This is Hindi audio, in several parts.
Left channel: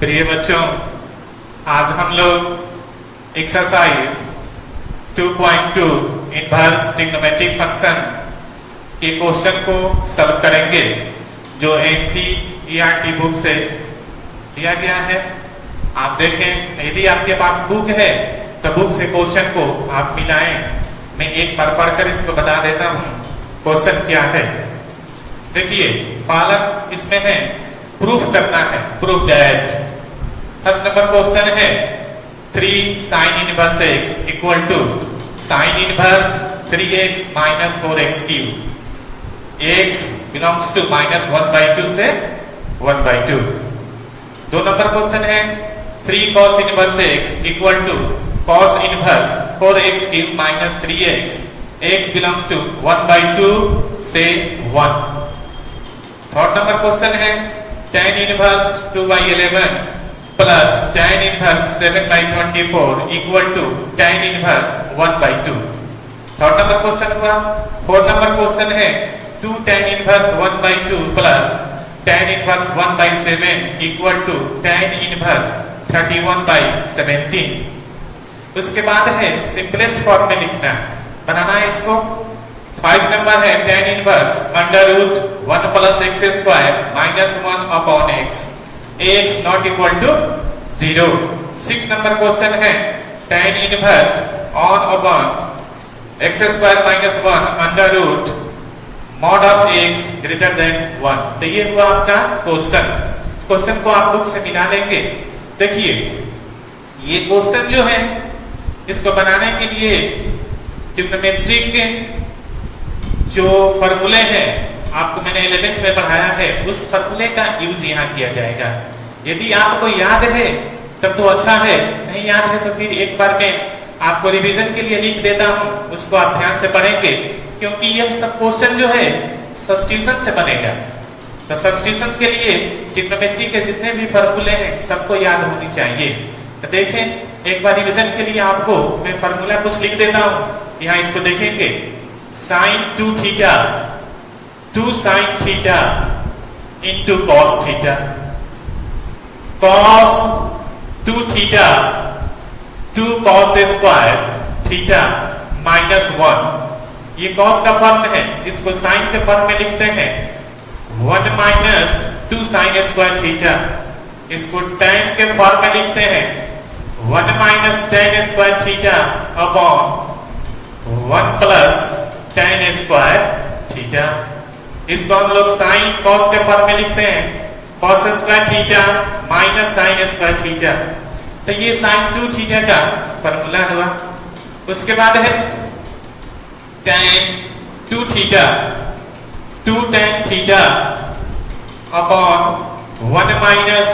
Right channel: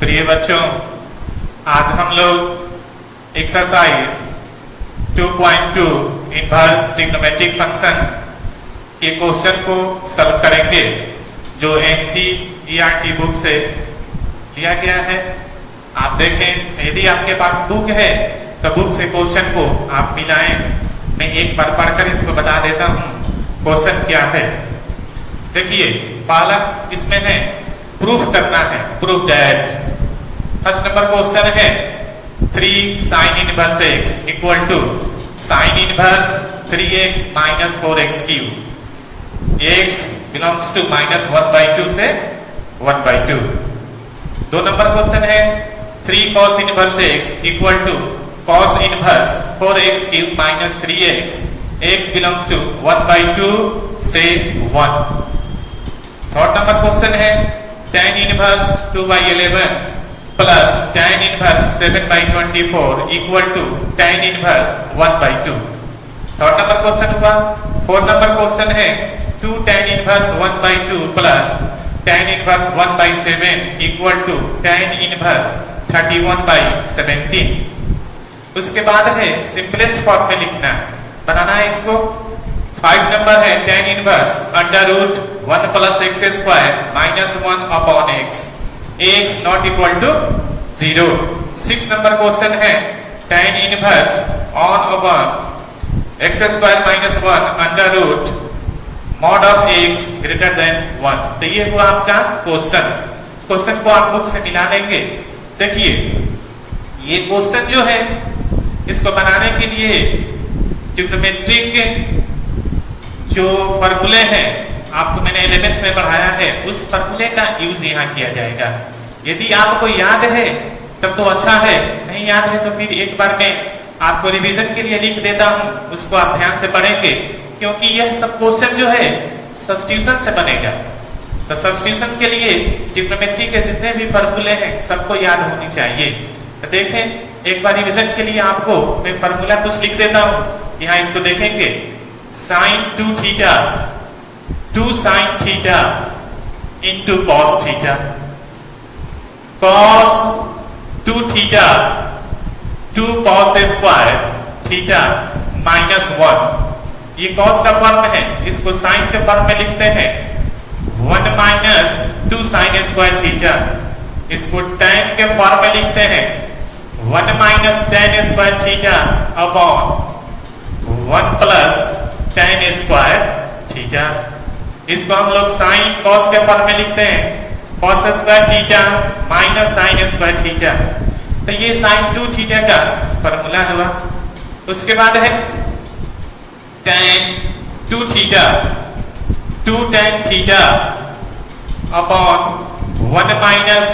प्रिय बच्चों, आज हम लोग एक्सरसाइज 2.2 इनवर्स ट्रिग्नोमेट्रिक फंक्शन के क्वेश्चन को सॉल्व करेंगे जो एनसीईआरटी बुक से लिया गया है। आप देखें, यदि आपके पास बुक है तो बुक से क्वेश्चन को आप मिलाएं। मैं एक बार पढ़कर इसको बता देता हूं क्वेश्चन क्या है। देखिए, पहला इसमें है प्रूफ करना है, proof that. First number question है 3 sin inverse x equal to sin inverse 3x minus 4x cube. x belongs to -1/2 से 1/2। 2 नंबर क्वेश्चन है 3 cos inverse x equal to cos inverse 4x cube minus 3x। x belongs to 1/2 से 1। थर्ड नंबर क्वेश्चन है tan inverse 2/11 plus tan inverse 7/24 equal to tan inverse 1/2। Third number question हुआ। फोर्थ नंबर क्वेश्चन है 2 tan inverse 1/2 plus tan inverse 1/7 equal to tan inverse 31/17। उसके बाद है सिंपलेस्ट फॉर्म में लिखना, बनाना है इसको। 5 नंबर है tan inverse under root 1 plus x square minus 1 upon x, x not equal to 0। 6 number question है tan inverse on upon x square minus 1 under root mod of x greater than 1। तो ये हुआ आपका क्वेश्चन। क्वेश्चन को आप बुक से मिला देंगे। देखिए, ये क्वेश्चन जो है इसको बनाने के लिए ट्रिग्नोमेट्रिक के जो फॉर्मूले हैं आपको मैंने 11th में पढ़ाया है, उस फॉर्मूले का यूज यहाँ किया जाएगा। यदि आपको याद है तब तो अच्छा है, नहीं याद है तो फिर एक बार मैं आपको रिवीजन के लिए लिख देता हूँ, उसको आप ध्यान से पढ़ेंगे, क्योंकि यह सब क्वेश्चन जो है सब्स्टिट्यूशन से बनेगा। तो सब्स्टिट्यूशन के लिए ट्रिग्नोमेट्री के जितने भी फॉर्मूले हैं सबको याद होनी चाहिए। तो देखें, एक बार रिवीजन के लिए आपको मैं फॉर्मूला कुछ लिख देता हूँ। यहाँ इसको देखेंगे, sin 2 theta 2 sin theta into cos theta, cos 2 theta 2 cos square theta minus 1। ये cos का फॉर्म है, इसको sin के फॉर्म में लिखते हैं 1 माइनस 2 sin स्क्वायर थीटा। इसको tan के फॉर्म में लिखते हैं 1 minus tan square theta upon 1 plus tan square theta. इसको हम लोग साइन cos के फॉर्म में लिखते हैं cos square theta minus sin square theta. तो ये sin 2 थीटा का फॉर्मूला हुआ। उसके बाद है tan 2 theta 2 tan theta upon 1 minus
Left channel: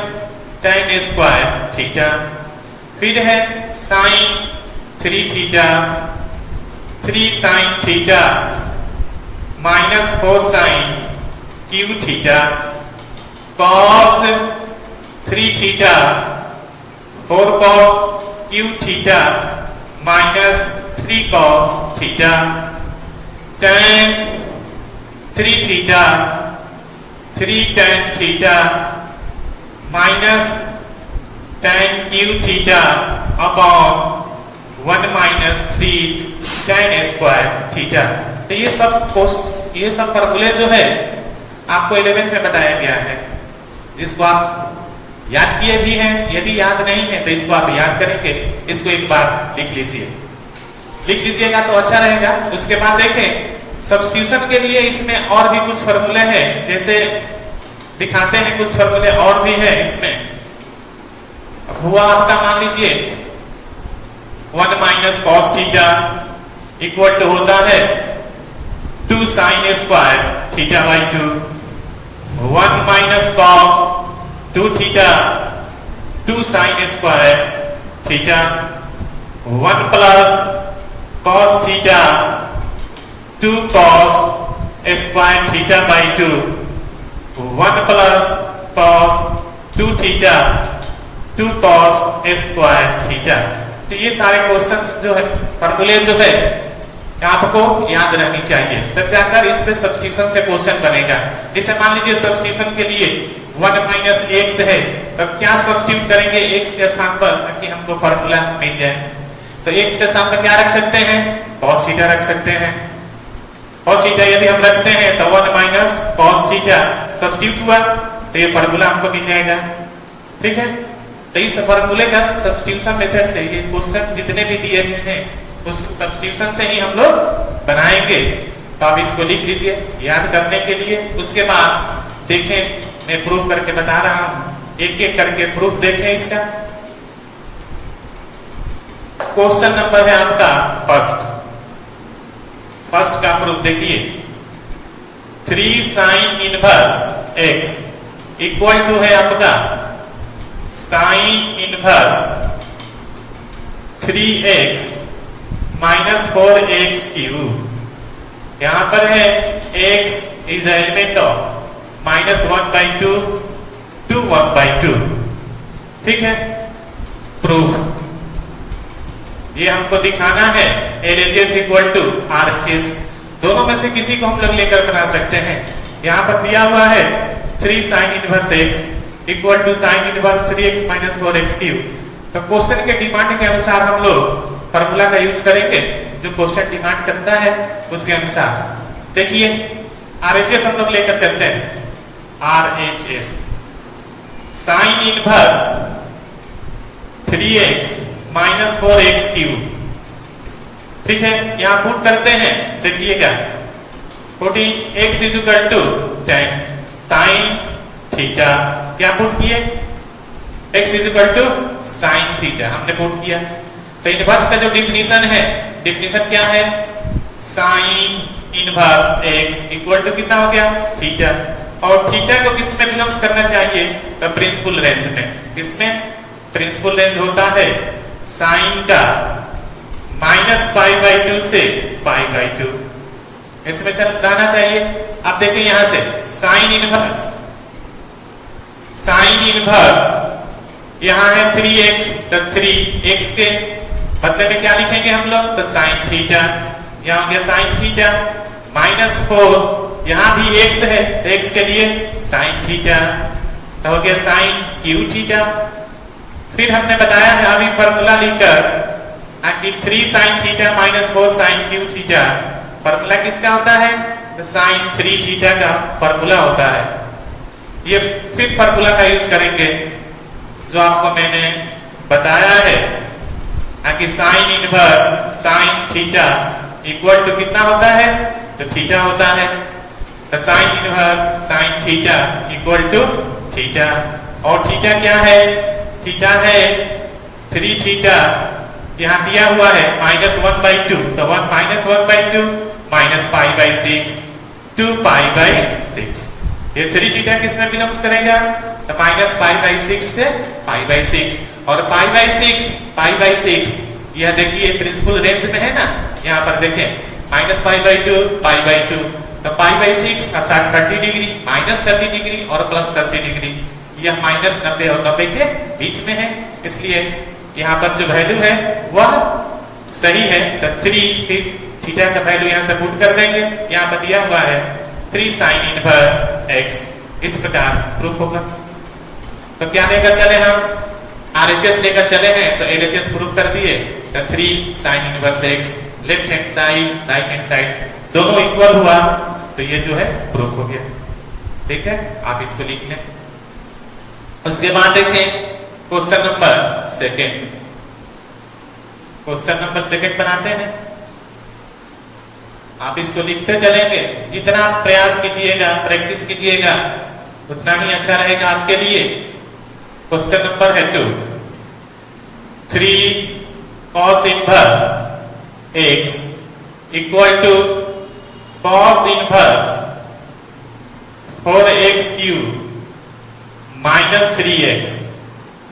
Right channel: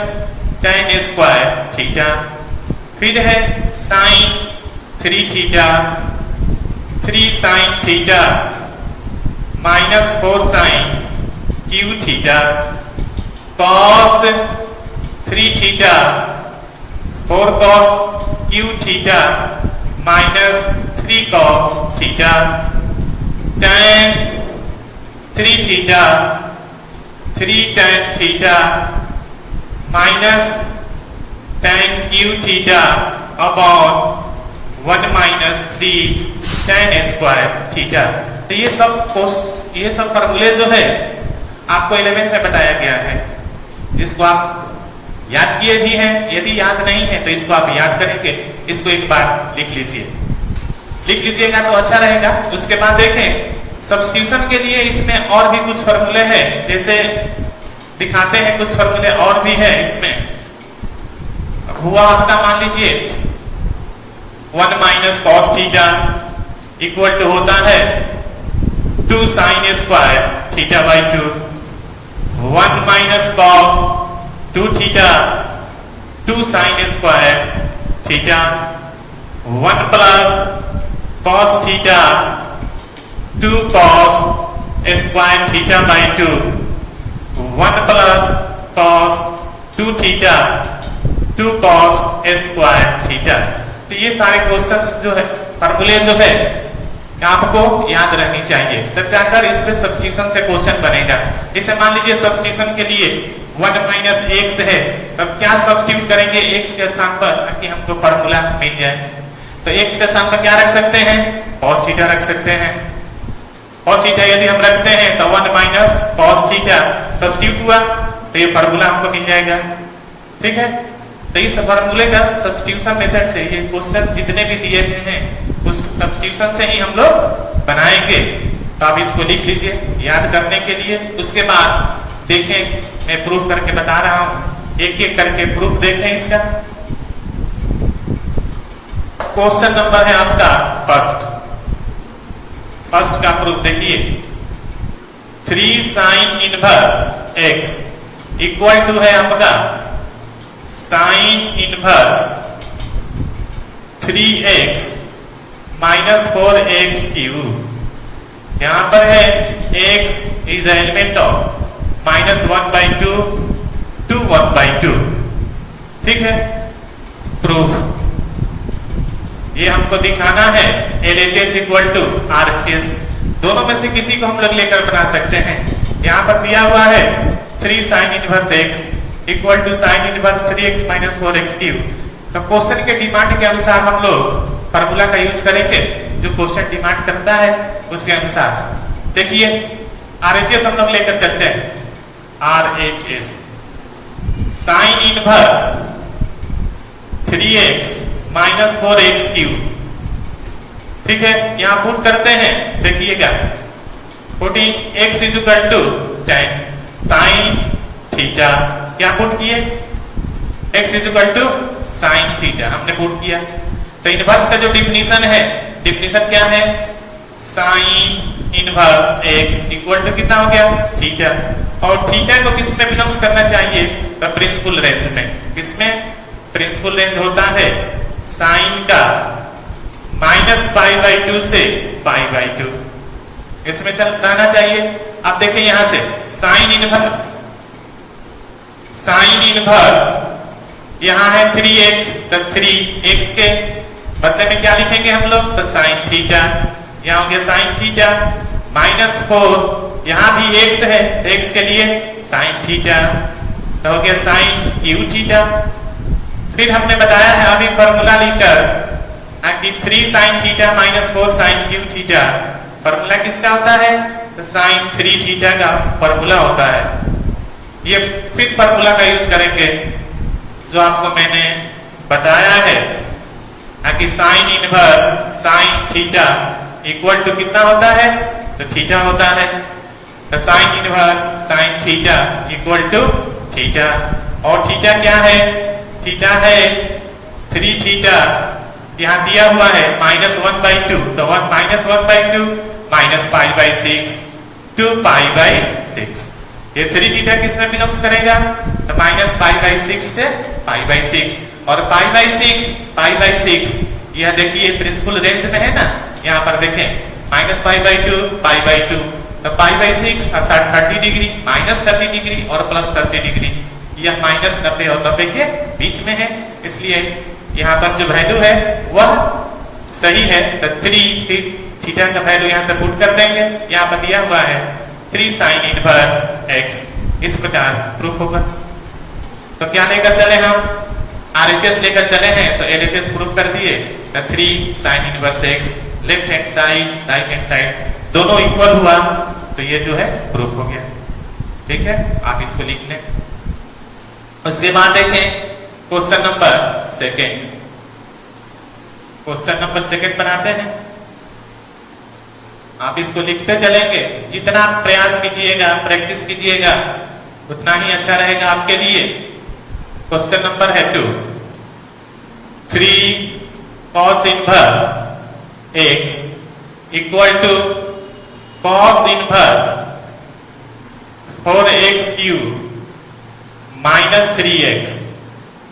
tan square theta. फिर है sin 3 theta 3 sin theta minus 4 sin cube theta, cos 3 theta 4 cos cube theta minus 3 cos theta, tan 3 theta 3 tan theta minus tan cube theta upon 1 minus 3 tan square theta. तो ये सब फॉर्मूले जो है आपको 11th में बताया गया है, जिसको आप याद किए भी हैं। यदि याद नहीं है तो इसको आप याद करेंगे, इसको एक बार लिख लीजिएगा तो अच्छा रहेगा। उसके बाद देखें, सब्स्टिट्यूशन के लिए इसमें और भी कुछ फॉर्मूले हैं, जैसे दिखाते हैं कुछ फॉर्मूले और भी है इसमें। हुआ आपका, मान लीजिए 1 minus cos theta equal to होता है 2 sin square theta by 2। 1 minus cos 2 theta 2 sin square theta. 1 plus cos theta 2 cos square theta by 2। 1 plus cos 2 theta 2 cos square theta. तो ये सारे क्वेश्चंस जो है, फॉर्मूले जो है आपको याद रहनी चाहिए, तब जाकर इस पे सब्स्टिट्यूशन से क्वेश्चन बनेगा। जैसे मान लीजिए सब्स्टिट्यूशन के लिए 1 माइनस x है अब क्या सब्स्टिट्यूट करेंगे x के स्थान पर ताकि हमको फॉर्मूला मिल जाए? तो x के स्थान पर क्या रख सकते हैं? cos थीटा रख सकते हैं। cos थीटा यदि हम रखते हैं तो 1 माइनस cos थीटा सब्स्टिट्यूट हुआ तो ये फॉर्मूला हमको मिल जाएगा। ठीक है, तो इस फॉर्मूले का सब्स्टिट्यूशन मेथड से ये क्वेश्चन जितने भी दिए गए हैं उस सब्स्टिट्यूशन से ही हम लोग बनाएंगे। तो आप इसको लिख लीजिए याद करने के लिए। उसके बाद देखें, मैं प्रूफ करके बता रहा हूं, एक एक करके प्रूफ देखें इसका। क्वेश्चन नंबर है आपका फर्स्ट का प्रूफ देखिए। 3 sine inverse x equal to है आपका sign inverse 3x minus 4x cube. यहां पर है x is element of -1/2 to 1/2। ठीक है, प्रूफ ये हमको दिखाना है LHS इक्वल टू RHS, दोनों में से किसी को हम लोग लेकर बना सकते हैं। यहां पर दिया हुआ है 3 sine inverse x equal to sine inverse 3x minus 4x cube. तो क्वेश्चन के डिमांड के अनुसार हम लोग फॉर्मूला का यूज करेंगे, जो क्वेश्चन डिमांड करता है उसके अनुसार। देखिए RHS हम लोग लेकर चलते हैं। RHS sine inverse 3x minus 4x cube. ठीक है, यहां पुट करते हैं, देखिएगा putting x is equal to 10 sine theta. क्या पुट किए? x is equal to sine theta हमने पुट किया। तो इनवर्स का जो डिफिनीशन है, डिफिनीशन क्या है? Sine inverse x equal to कितना हो गया? थीटा। और थीटा को किस में बिलोंग्स करना चाहिए? तो प्रिंसिपल रेंज में। किसमें? प्रिंसिपल रेंज होता है साइन का -π/2 से π/2, इसमें चल रहना चाहिए। अब देखें यहां से साइन इनवर्स यहां है 3x, तो 3x के बदले में क्या लिखेंगे हम लोग? तो साइन थीटा। यहां हो गया साइन थीटा -4, यहां भी x है तो x के लिए साइन थीटा, तो हो गया साइन क्यू थीटा। फिर हमने बताया है अभी फॉर्मूला लिखकर कि 3 sine theta minus 4 sine cube theta formula किसका होता है? तो साइन 3 थीटा का फॉर्मूला होता है। ये फिर फॉर्मूला का यूज करेंगे जो आपको मैंने बताया है कि sine inverse sine theta equal to कितना होता है? तो थीटा होता है। तो sine inverse sine theta equal to theta. और थीटा क्या है? थीटा है 3 थीटा, यहां दिया हुआ है -1/2, तो 1 माइनस 1/2 माइनस π/6 2 π/6। ये 3 थीटा किसमें बिलोंग्स करेगा? तो -π/6 से π/6, और π/6 यह देखिए प्रिंसिपल रेंज में है ना। यहाँ पर देखें -π/2 π/2, तो π/6 अर्थात 30 डिग्री, -30 डिग्री और +30 डिग्री। यह -90 और 90 के बीच में है, इसलिए यहाँ पर जो वैल्यू है वह सही है। तो 3 थीटा का वैल्यू यहाँ से पुट कर देंगे। यहाँ पर दिया हुआ है 3 साइन इनवर्स x, इस प्रकार प्रूफ होगा। तो क्या लेकर चले हम? RHS लेकर चले हैं, तो LHS प्रूफ कर दिए। तो 3 sine inverse x left hand side right hand side दोनों इक्वल हुआ, तो ये जो है प्रूफ हो गया। ठीक है, आप इसको लिख लें। उसके बाद देखें क्वेश्चन नंबर सेकंड बनाते हैं। आप इसको लिखते चलेंगे, जितना प्रयास कीजिएगा प्रैक्टिस कीजिएगा उतना ही अच्छा रहेगा आपके लिए। क्वेश्चन नंबर है 2, 3 cos inverse x equal to cos inverse 4x cube minus 3x।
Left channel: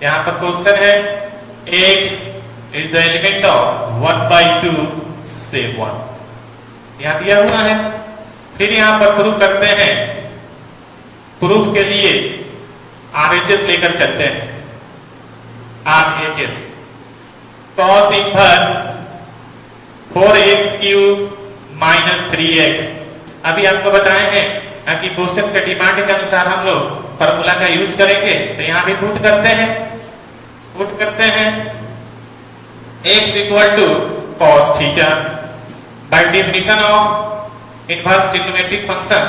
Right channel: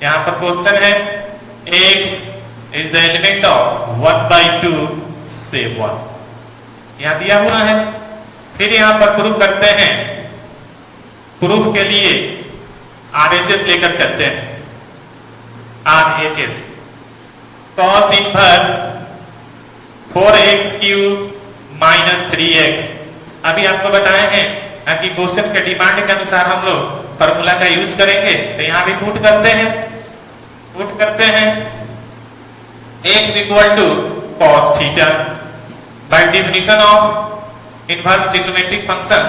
यहां पर क्वेश्चन है x is the element of 1/2 से 1, यहां दिया हुआ है। फिर यहां पर प्रूफ करते हैं। प्रूफ के लिए RHS लेकर चलते हैं। RHS cos inverse 4x cube minus 3x। अभी आपको बताए हैं कि क्वेश्चन के डिमांड के अनुसार हम लोग फॉर्मूला का यूज करेंगे। तो यहाँ भी पुट करते हैं x equal to cos theta by definition of inverse trigonometric function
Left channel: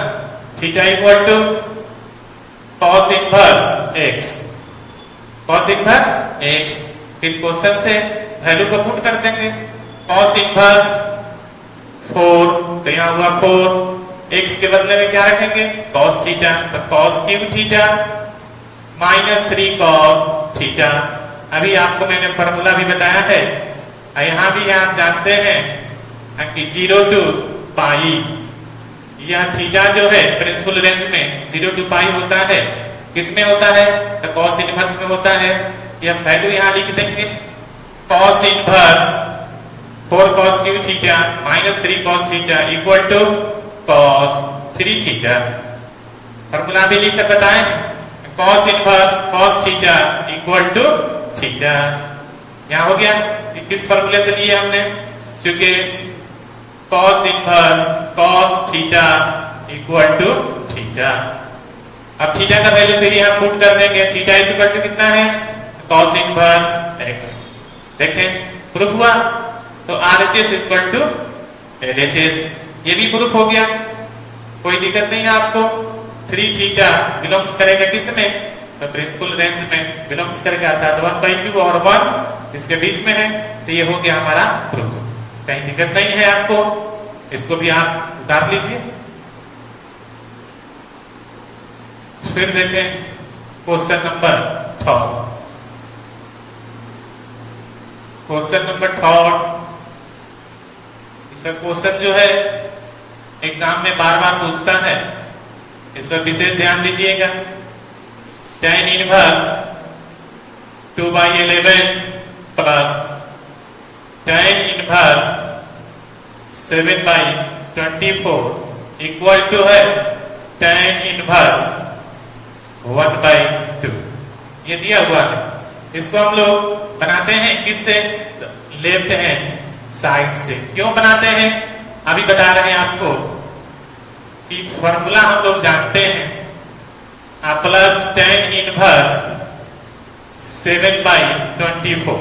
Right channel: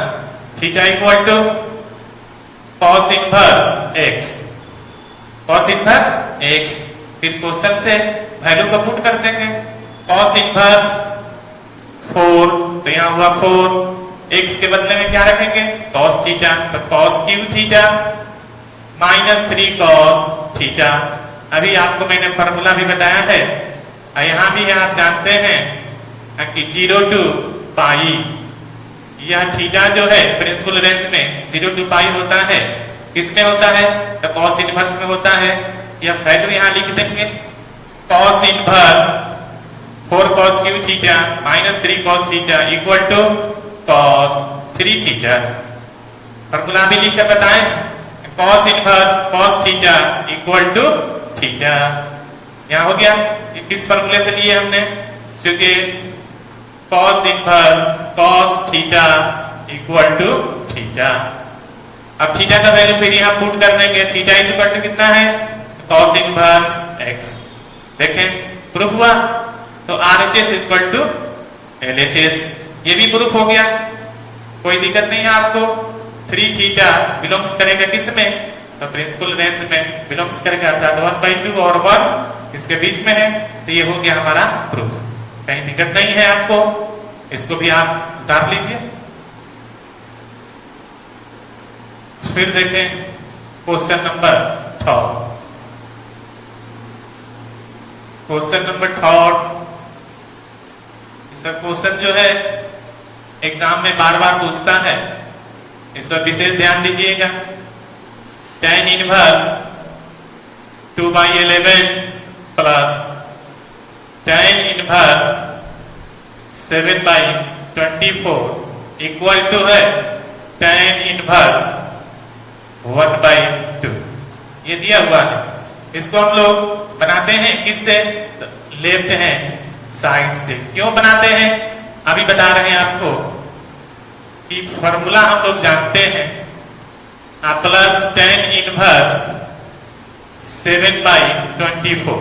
theta equal to cos inverse x। फिर क्वेश्चन से वैल्यू को पुट कर देंगे। cos इनवर्स 4, तो यहाँ हुआ 4, x के बदले में क्या रखेंगे cos थीटा, तो cos cube theta minus 3 cos theta. अभी आपको मैंने फॉर्मूला भी बताया है, यहाँ भी आप जानते हैं कि 0 टू पाई, यह थीटा जो है प्रिंसिपल रेंज में 0 टू पाई होता है। किसमें होता है तो cos इनवर्स में होता है। यह वैल्यू यहाँ लिख देंगे cos inverse 4 cos cube theta minus 3 cos theta equal to cos 3 theta. Formula भी लिख कर बताएं cos inverse cos theta equal to theta. यहाँ हो गया, किस फॉर्मूले से लिए हमने, क्योंकि cos inverse cos theta equal to theta. अब थीटा का वैल्यू फिर यहाँ पुट कर देंगे, थीटा इज इक्वल टू कितना है cos इनवर्स x। देखें प्रूफ हुआ। तो RHS इक्वल टू LHS, ये भी प्रूफ हो गया, कोई दिक्कत नहीं है आपको। 3 थीटा बिलोंग्स करेगा किस में, तो प्रिंसिपल रेंज में बिलोंग्स करेगा, अर्थात 1/2 और 1 इसके बीच में है। तो ये हो गया हमारा प्रूफ, कहीं दिक्कत नहीं है आपको। इसको भी आप उतार लीजिए। फिर देखें क्वेश्चन नंबर 3। क्वेश्चन नंबर 3 सब क्वेश्चन जो है एग्जाम में बार बार पूछता है, इस पर विशेष ध्यान दीजिएगा। tan inverse 2/11 plus tan inverse 7/24 equal to है tan इनवर्स 1/2। ये दिया हुआ है, इसको हम लोग बनाते हैं किससे, लेफ्ट हैंड साइड से। क्यों बनाते हैं अभी बता रहे हैं आपको कि फॉर्मूला हम लोग जानते हैं, प्लस tan इनवर्स 7/24।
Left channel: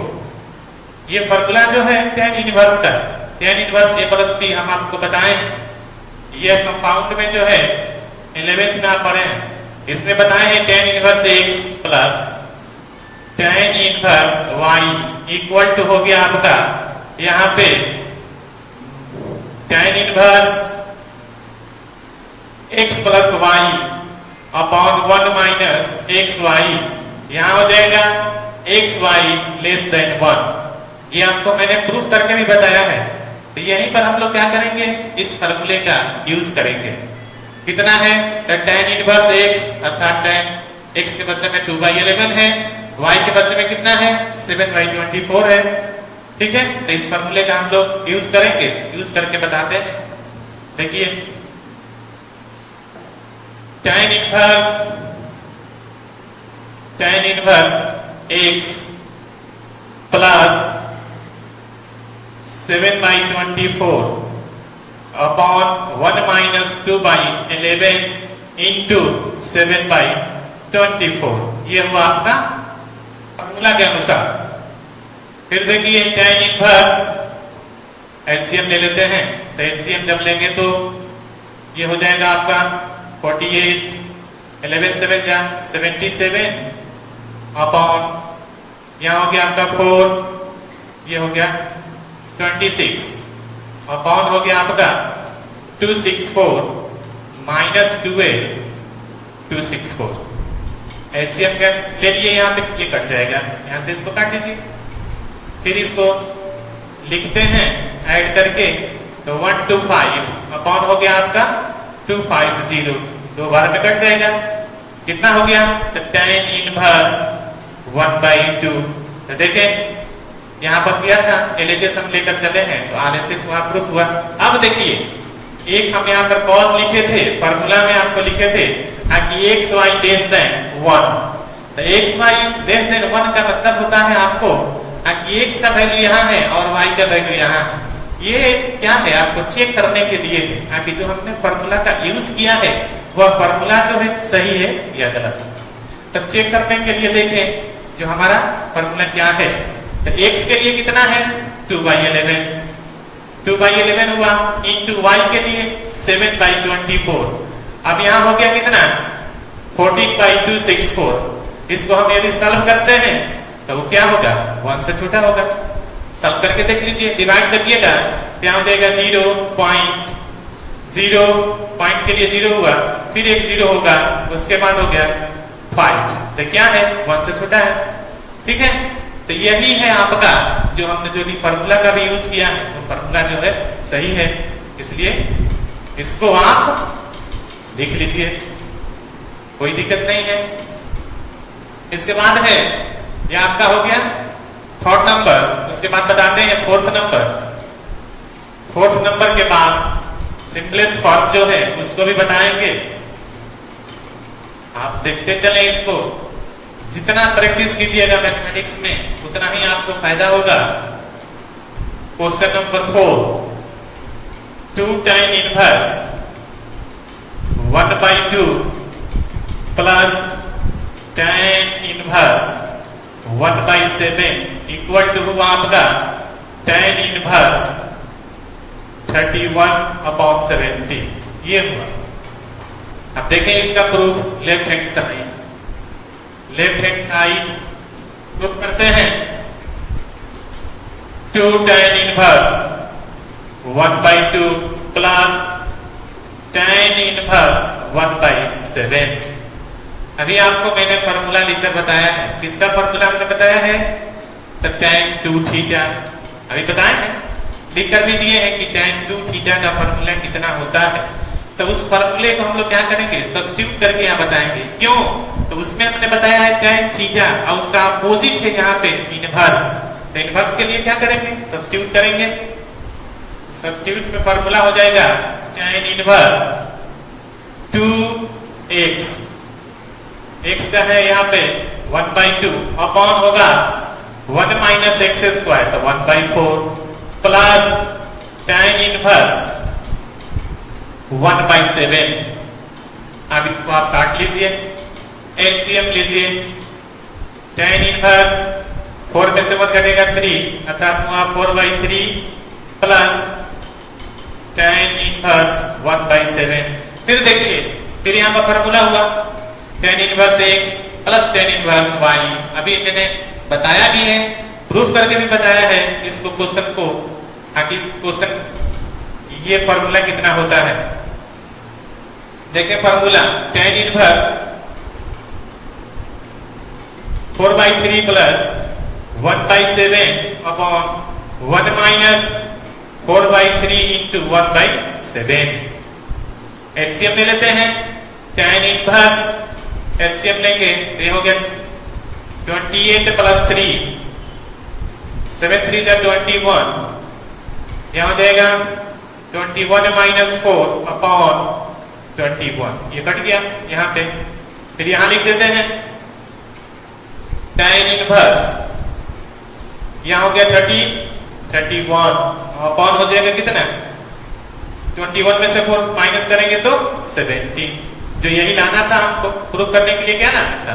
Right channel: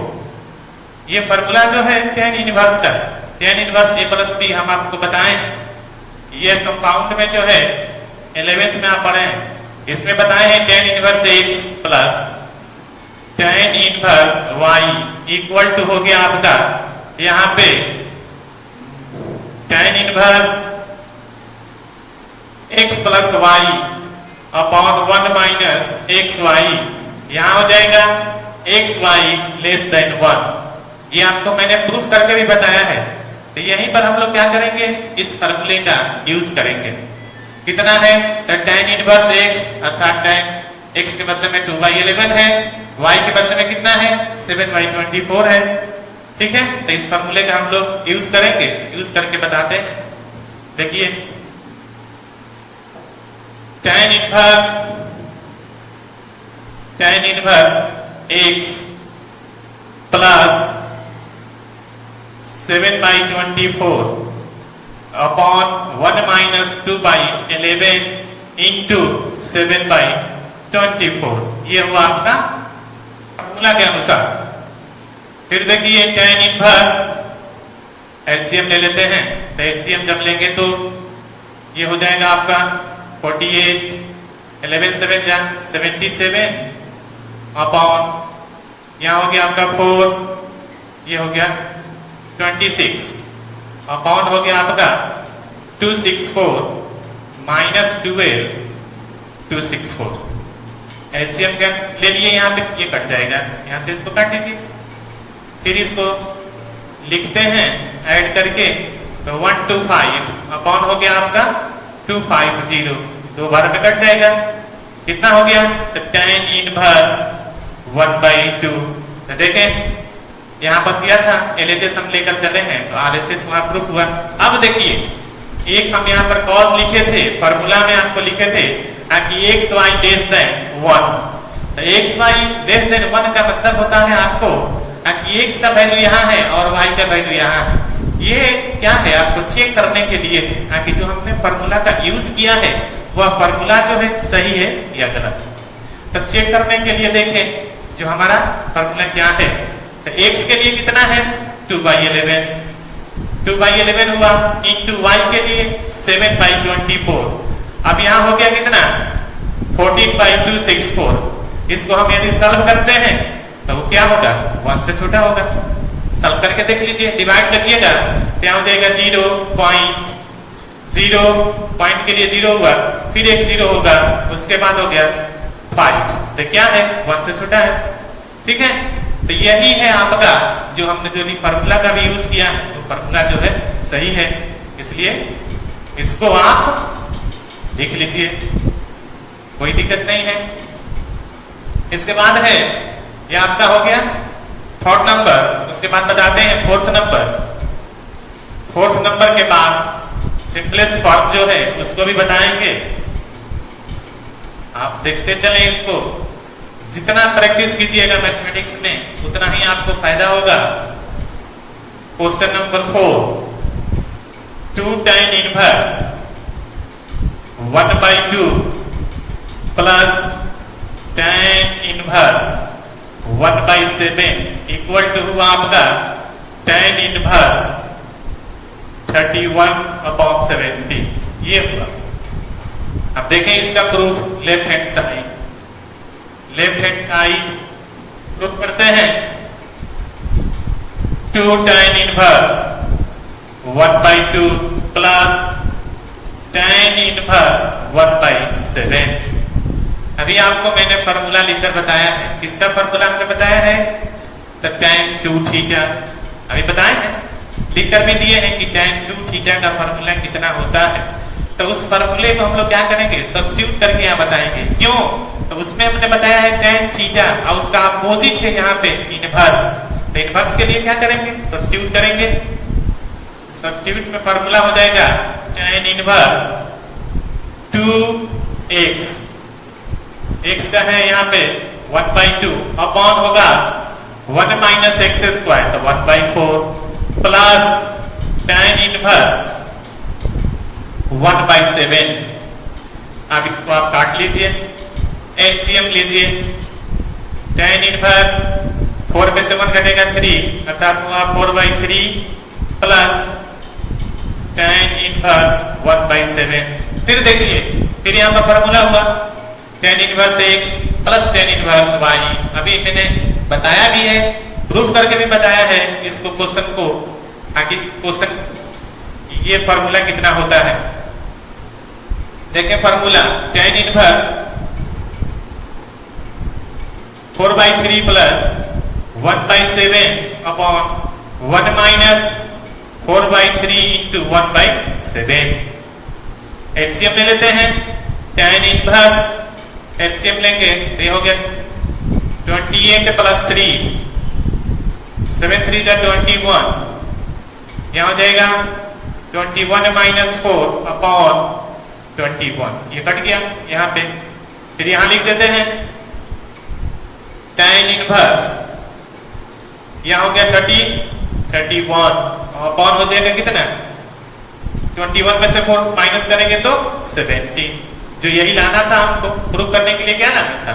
ये फॉर्मूला जो है tan इनवर्स का, tan inverse a plus b हम आपको बताए हैं। ये कंपाउंड में जो है 11th में आप पढ़े हैं, इसमें बताए हैं tan inverse x plus tan inverse y equal to हो गया आपका यहाँ पे tan inverse x plus y upon 1 minus xy, यहाँ हो जाएगा xy लेस देन 1। ये आपको मैंने प्रूफ करके भी बताया है। तो यहीं पर हम लोग क्या करेंगे, इस फॉर्मूले का यूज करेंगे। कितना है तो tan इनवर्स x अर्थात tan x के बदले में 2/11 है, y के बदले में कितना है 7/24 है। ठीक है, तो इस फॉर्मूले का हम लोग यूज करेंगे, यूज करके बताते हैं। देखिए tan inverse x plus 7/24 upon 1 minus 2/11 into 7/24, ये हुआ आपका फॉर्मूला के अनुसार। फिर देखिए tan इनवर्स एलसीएम ले लेते हैं, तो एलसीएम जब लेंगे तो ये हो जाएगा आपका 48, 11 7 जा 77 अपॉन यहाँ हो गया आपका 4, ये हो गया 26 अपॉन हो गया आपका 264 माइनस 12 264। एलसीएम का ले लिए, यहाँ पे ये कट जाएगा, यहाँ से इसको काट दीजिए। फिर इसको लिखते हैं ऐड करके, तो 125 अपॉन हो गया आपका 250, 2 बार में कट जाएगा। कितना हो गया तो tan इनवर्स 1/2। तो देखें यहाँ पर किया था LHS हम लेकर चले हैं, तो RHS वहां प्रूफ हुआ। अब देखिए एक हम यहाँ पर कॉज लिखे थे, फॉर्मूला में आपको लिखे थे कि xy लेस देन 1। तो xy लेस देन 1 का मतलब होता है आपको कि x का वैल्यू यहाँ है और y का वैल्यू यहाँ है। ये क्या है आपको चेक करने के लिए है कि जो हमने फॉर्मूला का यूज किया है वह फॉर्मूला जो है सही है या गलत। तो चेक करने के लिए देखें जो हमारा फॉर्मूला क्या है। तो x के लिए कितना है 2/11, 2/11 हुआ इंटू y के लिए 7/24। अब यहाँ हो गया कितना 14/264। इसको हम यदि सॉल्व करते हैं तो वो क्या होगा 1 से छोटा होगा। सॉल्व करके देख लीजिए, डिवाइड करिएगा तो यहाँ हो जाएगा 0 पॉइंट के लिए 0 हुआ, फिर एक 0 होगा, उसके बाद हो गया 5। तो क्या है 1 से छोटा है। ठीक है, तो यही है आपका जो हमने जो भी फार्मूला का भी यूज किया है, तो फार्मूला जो है सही है, इसलिए इसको आप लिख लीजिए, कोई दिक्कत नहीं है। इसके बाद है ये आपका हो गया थर्ड नंबर। उसके बाद बताते हैं फोर्थ नंबर। फोर्थ नंबर के बाद सिंपलेस्ट फॉर्म जो है उसको भी बताएंगे। आप देखते चले, इसको जितना प्रैक्टिस कीजिएगा मैथमेटिक्स में उतना ही आपको फायदा होगा। Question number 4, 2 tan inverse 1/2 plus tan inverse 1/7 equal to हुआ आपका tan इनवर्स 31/70। ये हुआ। अब देखें इसका proof left hand side proof करते हैं। 2 tan inverse 1/2 plus tan inverse 1/7। अभी आपको मैंने फॉर्मूला लिखकर बताया है। किसका फॉर्मूला हमने बताया है? तो tan 2 थीटा अभी बताए हैं, लिखकर भी दिए हैं कि tan 2 थीटा का फॉर्मूला कितना होता है। तो उस फॉर्मूले को हम लोग क्या करेंगे, सब्स्टिट्यूट करके यहाँ बताएंगे। क्यों? तो उसमें हमने बताया है tan थीटा और उसका अपोजिट है यहाँ पे इनवर्स। तो इनवर्स के लिए क्या करेंगे, सब्स्टिट्यूट करेंगे। सब्स्टिट्यूट में फॉर्मूला हो जाएगा tan इनवर्स 2x, x का है यहाँ पे 1/2 अपॉन होगा 1 माइनस एक्स स्क्वायर तो 1/4 प्लस tan इनवर्स 1/7। अब इसको आप काट लीजिए, एलसीएम लीजिए। tan इनवर्स 4 में से 1 घटेगा 3 अर्थात हुआ 4/3 प्लस tan इनवर्स 1/7। फिर देखिए, फिर यहाँ पर फॉर्मूला हुआ tan inverse x plus tan inverse y। अभी मैंने बताया भी है, प्रूफ करके भी बताया है इसको क्वेश्चन को। आखिर क्वेश्चन ये फॉर्मूला कितना होता है देखिए। Formula tan inverse 4/3 plus 1/7 upon 1 minus 4/3 into 1/7। LCM ले लेते हैं। tan इनवर्स एलसीएम लेंगे तो ये हो गया 28 प्लस 3 7 3 का 21। यहाँ हो जाएगा 21 माइनस 4 अपॉन 21। ये कट गया यहाँ पे। फिर यहाँ लिख देते हैं tan इनवर्स, यहाँ हो गया 31 अपॉन हो जाएगा कितना 21 में से 4 माइनस करेंगे तो 70। जो यही लाना था आपको प्रूफ करने के लिए, क्या लाना था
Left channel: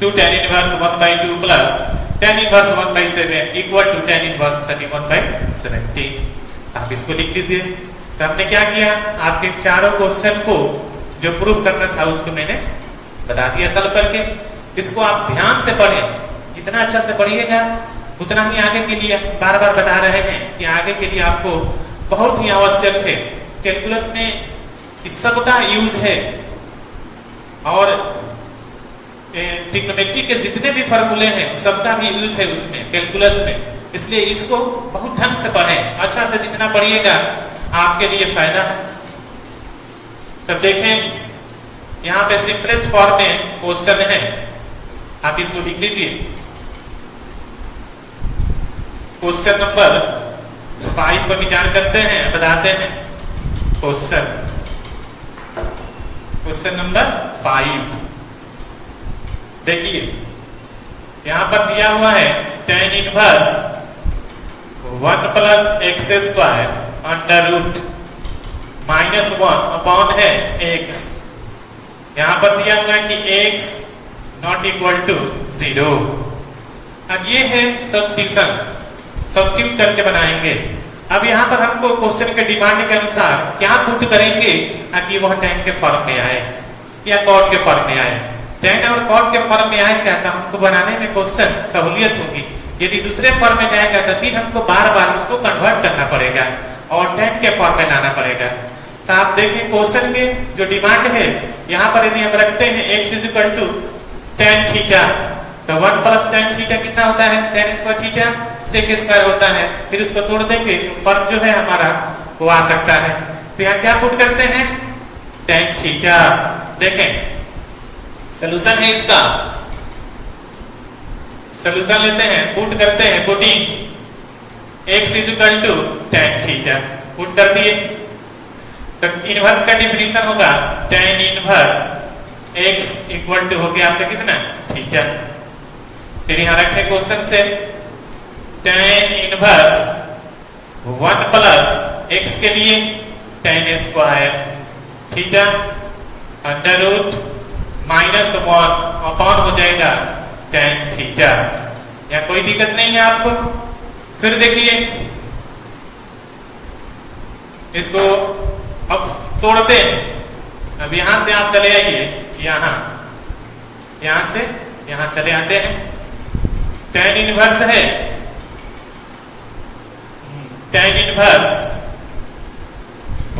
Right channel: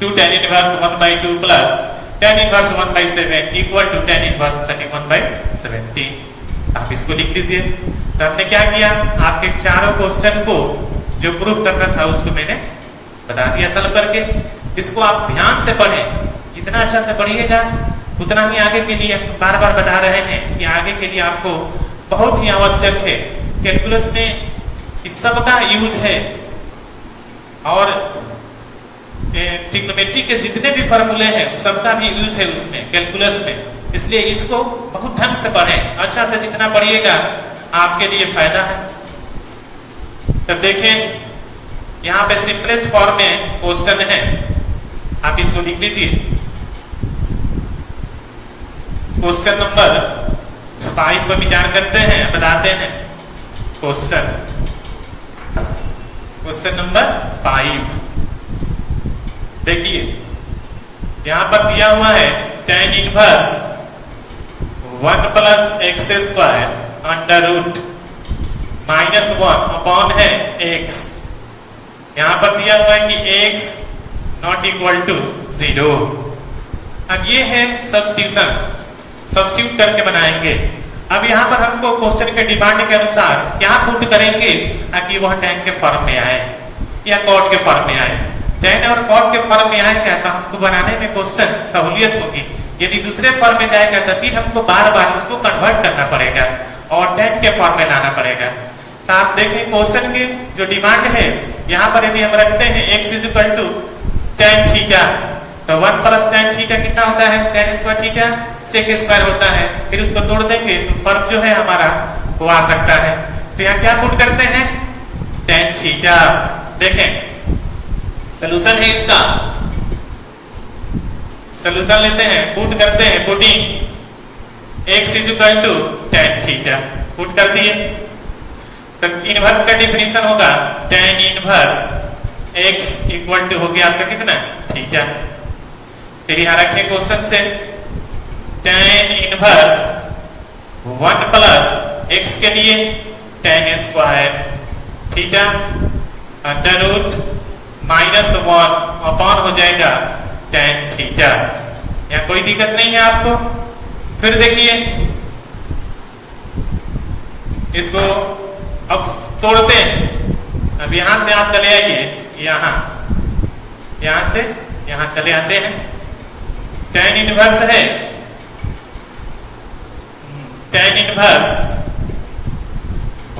2 tan inverse 1/2 plus tan inverse 1/7 equal to tan inverse 31/70। आप इसको लिख लीजिए। तो हमने क्या किया, आपके चारों क्वेश्चन को जो प्रूफ करना था उसको मैंने बता दिया सॉल्व करके। इसको आप ध्यान से पढ़ें, जितना अच्छा से पढ़िएगा उतना ही आगे के लिए बार बार बता रहे हैं कि आगे के लिए आपको बहुत ही आवश्यक है। कैलकुलस में इस सब का यूज है और ट्रिग्नोमेट्री के जितने भी फॉर्मूले हैं सबका भी यूज है उसमें कैलकुलस में। इसलिए इसको बहुत ढंग से पढ़ें, अच्छा से जितना पढ़िएगा आपके लिए फायदा है। तब देखें यहाँ पे सिंपलेस्ट फॉर्म में क्वेश्चन है, आप इसको लिख लीजिए। क्वेश्चन नंबर 5 पर विचार करते हैं, बताते हैं क्वेश्चन नंबर 5। देखिए यहां पर दिया हुआ है tan inverse 1 plus x square under root -1 upon है x। यहां पर दिया हुआ है कि x नॉट इक्वल टू 0। अब ये है सब्स्टिट्यूशन, सब्स्टिट्यूट करके बनाएंगे। अब यहाँ पर हमको क्वेश्चन के डिमांड के अनुसार क्या पुट करेंगे ताकि वह tan के फॉर्म में आए या cot के फॉर्म में आए। tan और cot के फॉर्म में आएगा तो हमको बनाने में क्वेश्चन सहूलियत होगी। यदि दूसरे फॉर्म में जाएगा तो फिर हमको बार बार उसको कन्वर्ट करना पड़ेगा और tan के फॉर्म में लाना पड़ेगा। तो आप देखिए क्वेश्चन के जो डिमांड है, यहाँ पर यदि हम रखते हैं x is equal to tan theta, तो 1 प्लस tan थीटा कितना होता है, tan square theta sec square होता है। फिर उसको तोड़ देंगे तो फर्क जो है हमारा वो आ सकता है। तो यहाँ क्या पुट करते हैं, tan थीटा। देखें सॉल्यूशन है इसका, सॉल्यूशन लेते हैं, पुट करते हैं, putting x is equal to tan theta, put कर दिए। तो इनवर्स का डिफिनीशन होगा tan inverse x equal to हो गया आपका कितना, थीटा। फिर यहां रखें क्वेश्चन से tan इनवर्स 1 प्लस x के लिए tan square theta under root -1 upon हो जाएगा tan थीटा। या कोई दिक्कत नहीं है आपको। फिर देखिए इसको अब तोड़ते हैं। अब यहां से आप चले आइए, यहां से यहां चले आते हैं। tan इनवर्स है, tan inverse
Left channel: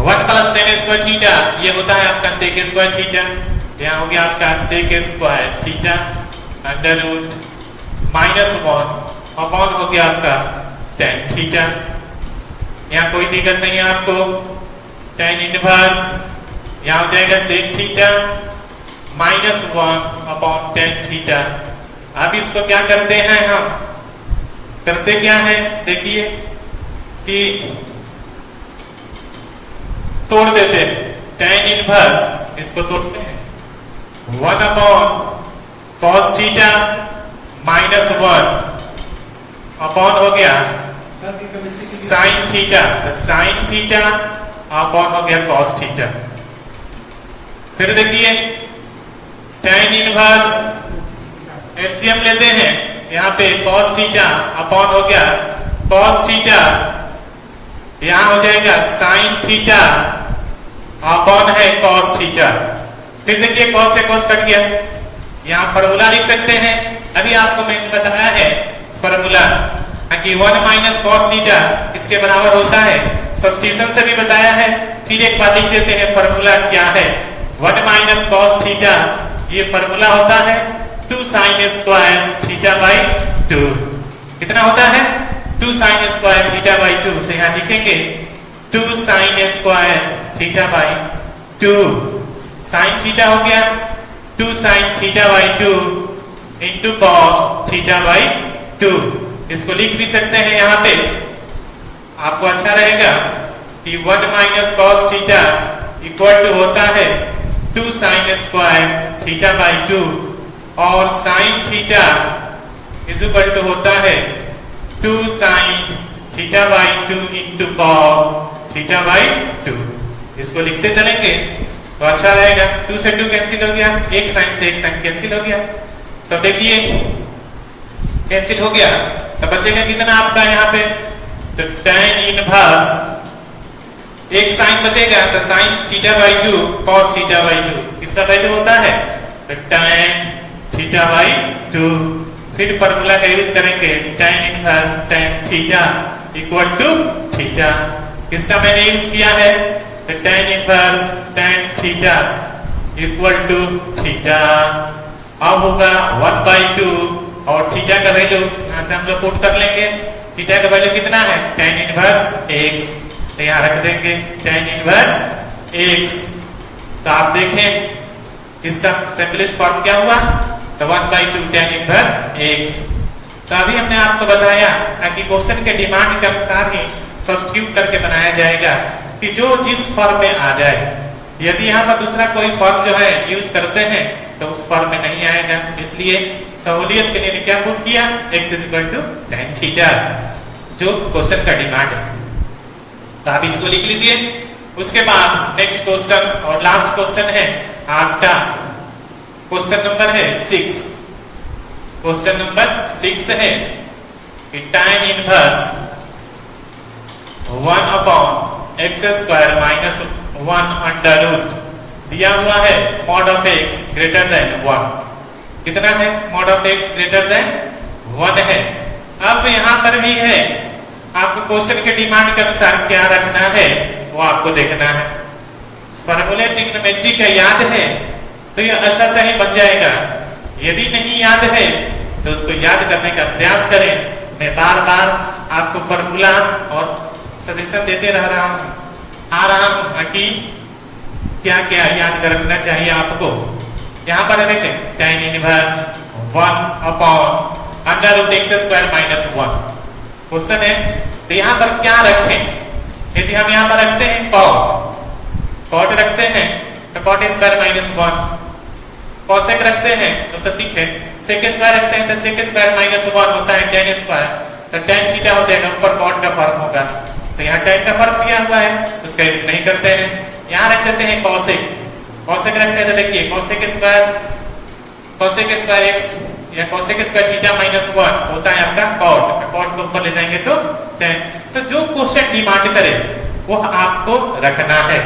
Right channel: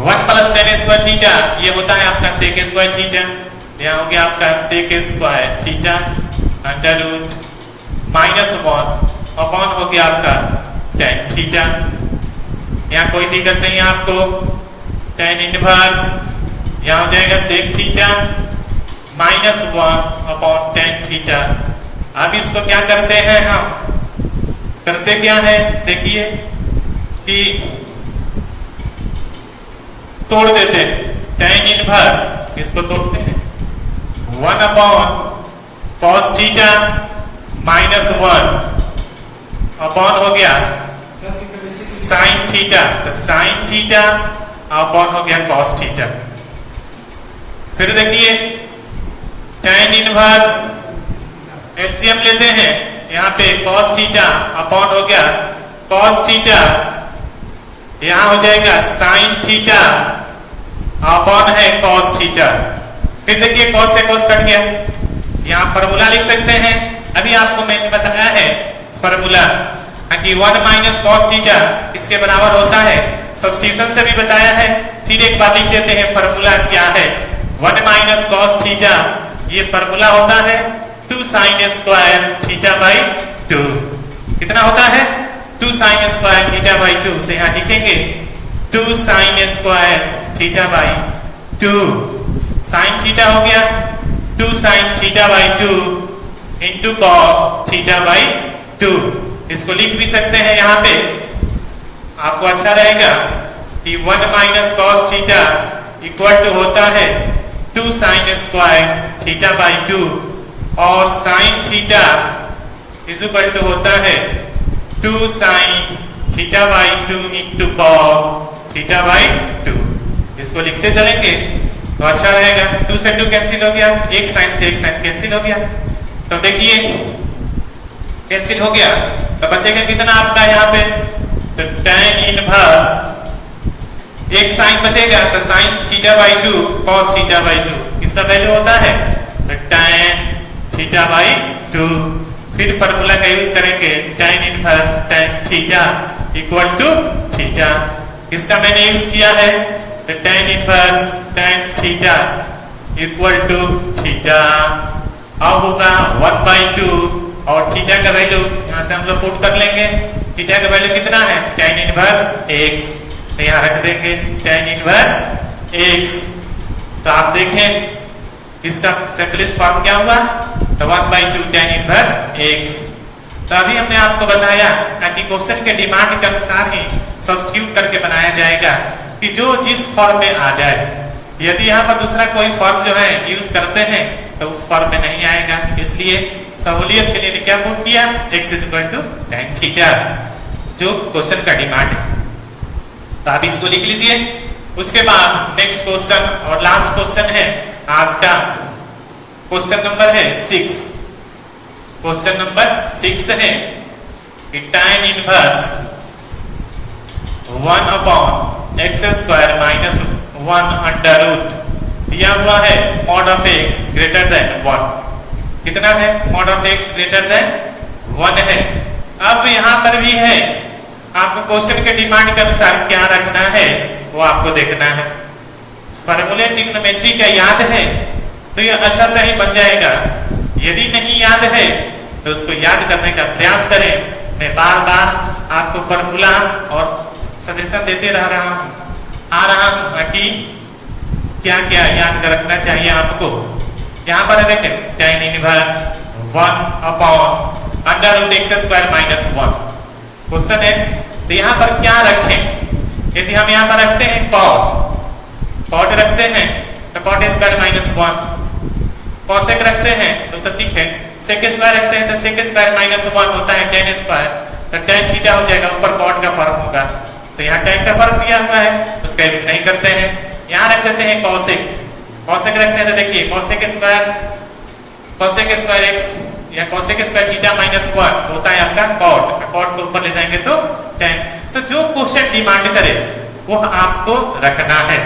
1 plus tan square theta, ये होता है आपका सेक स्क्वायर थीटा। यहाँ हो गया आपका sec square theta under root -1 upon हो गया आपका tan थीटा। यहाँ कोई दिक्कत नहीं है आपको। tan इनवर्स यहाँ हो जाएगा sec theta -1 upon tan theta. अब इसको क्या करते हैं, हम करते क्या है, देखिए कि तोड़ देते हैं। tan इनवर्स इसको तोड़ते हैं, 1 अपॉन cos थीटा -1 अपॉन हो गया sin theta, sin theta upon हो गया cos थीटा। फिर देखिए tan इनवर्स एलसीएम लेते हैं, यहाँ पे cos थीटा अपॉन हो गया cos थीटा, यहाँ हो जाएगा sin थीटा अपॉन है cos थीटा। फिर देखिए cos से cos कट गया। यहाँ फॉर्मूला लिख सकते हैं, अभी आपको मैंने बताया है फॉर्मूला कि 1 माइनस cos थीटा इसके बराबर होता है। सब्स्टिट्यूशन से भी बताया है। फिर एक बार लिख देते हैं फॉर्मूला क्या है। 1 माइनस cos थीटा ये फॉर्मूला होता है 2 sin स्क्वायर थीटा बाई 2। कितना होता है, 2 sin स्क्वायर थीटा बाई 2। तो यहाँ लिखेंगे 2 sin square theta by 2। sin theta हो गया 2 sin theta by 2 into cos theta by 2। इसको लिख भी सकते हैं यहाँ पे, आपको अच्छा रहेगा कि 1 minus cos theta equal to होता है 2 sin स्क्वायर थीटा बाई 2 और sin theta is equal to होता है 2 sin theta by 2 into cos theta by 2। इसको लिखते चलेंगे तो अच्छा रहेगा। 2 से 2 कैंसिल हो गया, एक साइन से एक साइन कैंसिल हो गया। तो देखिए कैंसिल हो गया तो बचेगा कितना आपका यहाँ पे, तो tan इनवर्स एक साइन बचेगा तो sin theta by 2 cos theta by 2 इसका वैल्यू होता है तो tan थीटा बाई 2। फिर फॉर्मूला का यूज करेंगे tan inverse tan theta equal to theta. इसका मैंने यूज किया है तो tan inverse tan theta equal to theta. अब होगा 1/2 और थीटा का वैल्यू यहाँ से हम लोग पुट कर लेंगे। थीटा का वैल्यू कितना है, tan इनवर्स x। तो यहाँ रख देंगे tan इनवर्स x। तो आप देखें इसका सिंपलेस्ट फॉर्म क्या हुआ, तो 1/2 tan इनवर्स x। तो अभी हमने आपको बताया कि क्वेश्चन के डिमांड के अनुसार ही सब्स्टिट्यूट करके बनाया जाएगा कि जो जिस फॉर्म में आ जाए। यदि यहाँ पर दूसरा कोई फॉर्म जो है यूज करते हैं तो उस फॉर्म में नहीं आएगा। इसलिए सहूलियत के लिए क्या पुट किया, x is equal to tan theta जो क्वेश्चन का डिमांड है। तो आप इसको लिख लीजिए उसके बाद नेक्स्ट क्वेश्चन और लास्ट क्वेश्चन है आज का। क्वेश्चन नंबर है 6। क्वेश्चन नंबर 6 है कि tan inverse 1 upon x square minus 1 under root दिया हुआ है mod of x greater than 1। कितना है? Mod of x greater than 1 है। अब यहां पर भी है, आपको क्वेश्चन के डिमांड के अनुसार क्या रखना है वो आपको देखना है। फॉर्मूले ट्रिग्नोमेट्री का याद है तो ये अच्छा से ही बन जाएगा। यदि नहीं याद है तो उसको याद करने का प्रयास करें। मैं बार बार आपको फॉर्मूला और सजेशन देते रह रहा हूं कि क्या क्या याद रखना चाहिए आपको। यहाँ पर देखें tan inverse 1 upon under root x square minus 1 question है। तो यहाँ पर क्या रखें? यदि हम यहाँ पर रखते हैं कॉट रखते हैं तो कॉट स्क्वायर माइनस 1, कॉसेक रखते हैं तो सीख है, सेक स्क्वायर रखते हैं तो सेक स्क्वायर माइनस 1 होता है tan स्क्वायर, तो tan थीटा हो जाएगा, ऊपर कॉट का फर्क होगा। तो यहाँ tan का फर्क दिया हुआ है, उसका यूज नहीं करते हैं। यहाँ रख देते हैं कॉसेक रखते हैं तो देखिए कॉसेक स्क्वायर एक्स या कॉसेक स्क्वायर थीटा माइनस 1 होता है आपका कॉट को ऊपर ले जाएंगे तो tan। तो जो क्वेश्चन डिमांड करे वो आपको रखना है।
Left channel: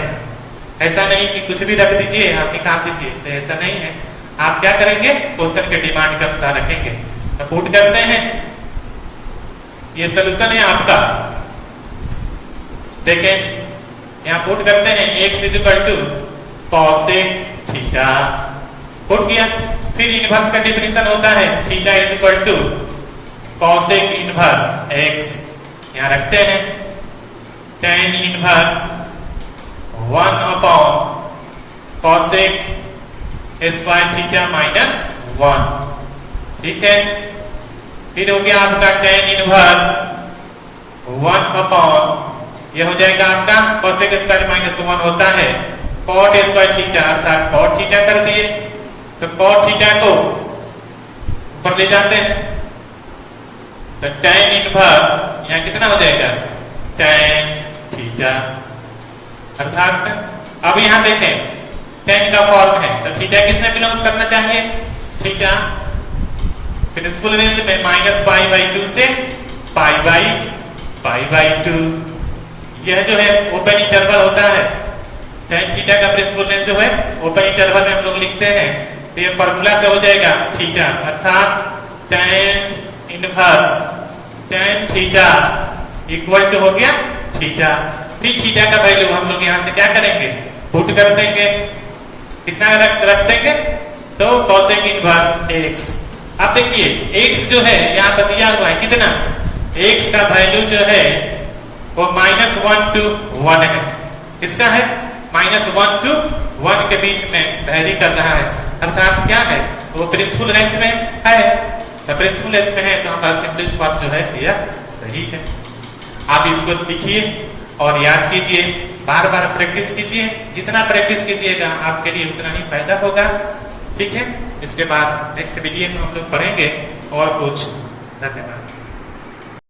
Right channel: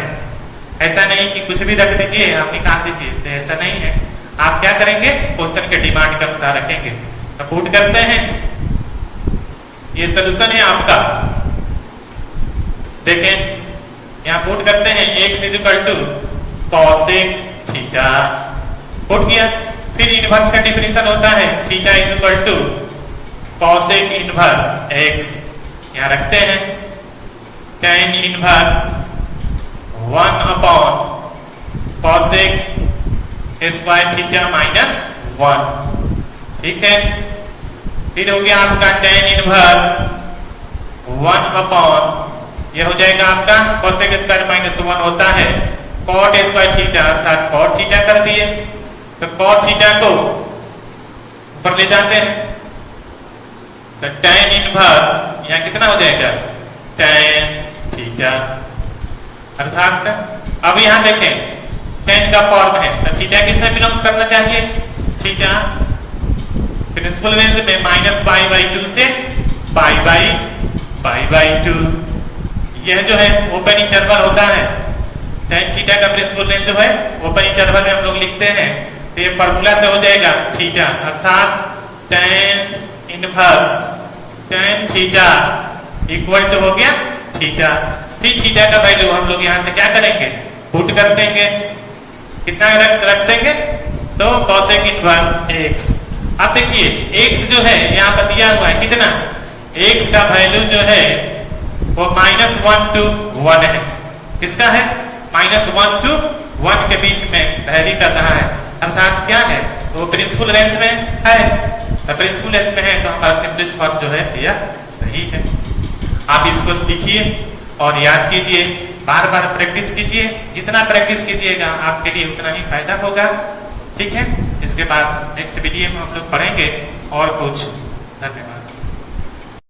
ऐसा नहीं कि कुछ भी रख दीजिए आप निकाल दीजिए, तो ऐसा नहीं है। आप क्या करेंगे? क्वेश्चन के डिमांड के अनुसार रखेंगे। तो पुट करते हैं, ये सोल्यूशन है आपका। देखें यहाँ पुट करते हैं x equal to cosec theta, put किया। फिर इनवर्स का डेफिनेशन होता है theta is equal to cosec inverse x। यहाँ रखते हैं tan inverse 1 upon cosec square theta minus 1। ठीक है, फिर हो गया आपका tan इनवर्स 1 अपॉन यह हो जाएगा आपका कॉसेक स्क्वायर माइनस 1 होता है कॉट स्क्वायर थीटा, अर्थात कॉट थीटा कर दिए तो कॉट थीटा को ऊपर ले जाते हैं तो tan इनवर्स यहाँ कितना हो जाएगा tan थीटा। अर्थात अब यहाँ देखें tan का फॉर्म है तो थीटा किसमें बिलोंग्स करना चाहिए? थीटा। प्रिंसिपल रेंज में माइनस पाई बाई 2 से पाई बाई 2। यह जो है ओपन इंटरवल होता है। tan थीटा का प्रिंसिपल रेंज जो है ओपन इंटरवल में हम लोग लिखते हैं तो ये फॉर्मूला से हो जाएगा थीटा, अर्थात tan inverse tan theta equal to हो गया थीटा। फिर थीटा का वैल्यू हम लोग यहाँ से क्या करेंगे? पुट कर देंगे। कितना रख देंगे? तो कॉसेक इनवर्स x। अब देखिए x जो है यहाँ पर दिया हुआ है कितना? x का वैल्यू जो है वो -1 to 1 है। किसका है? -1 to 1 के बीच में वैरी कर रहा है। अर्थात क्या है? वो प्रिंसिपल रेंज में है। तो प्रिंसिपल रेंज में है तो हमारा सिंपलेस्ट फॉर्म जो है यह सही है। आप इसको लिखिए और याद कीजिए, बार बार प्रैक्टिस कीजिए। जितना प्रैक्टिस कीजिएगा आपके लिए उतना ही फायदा होगा। ठीक है, इसके बाद नेक्स्ट वीडियो में हम लोग पढ़ेंगे और कुछ। धन्यवाद।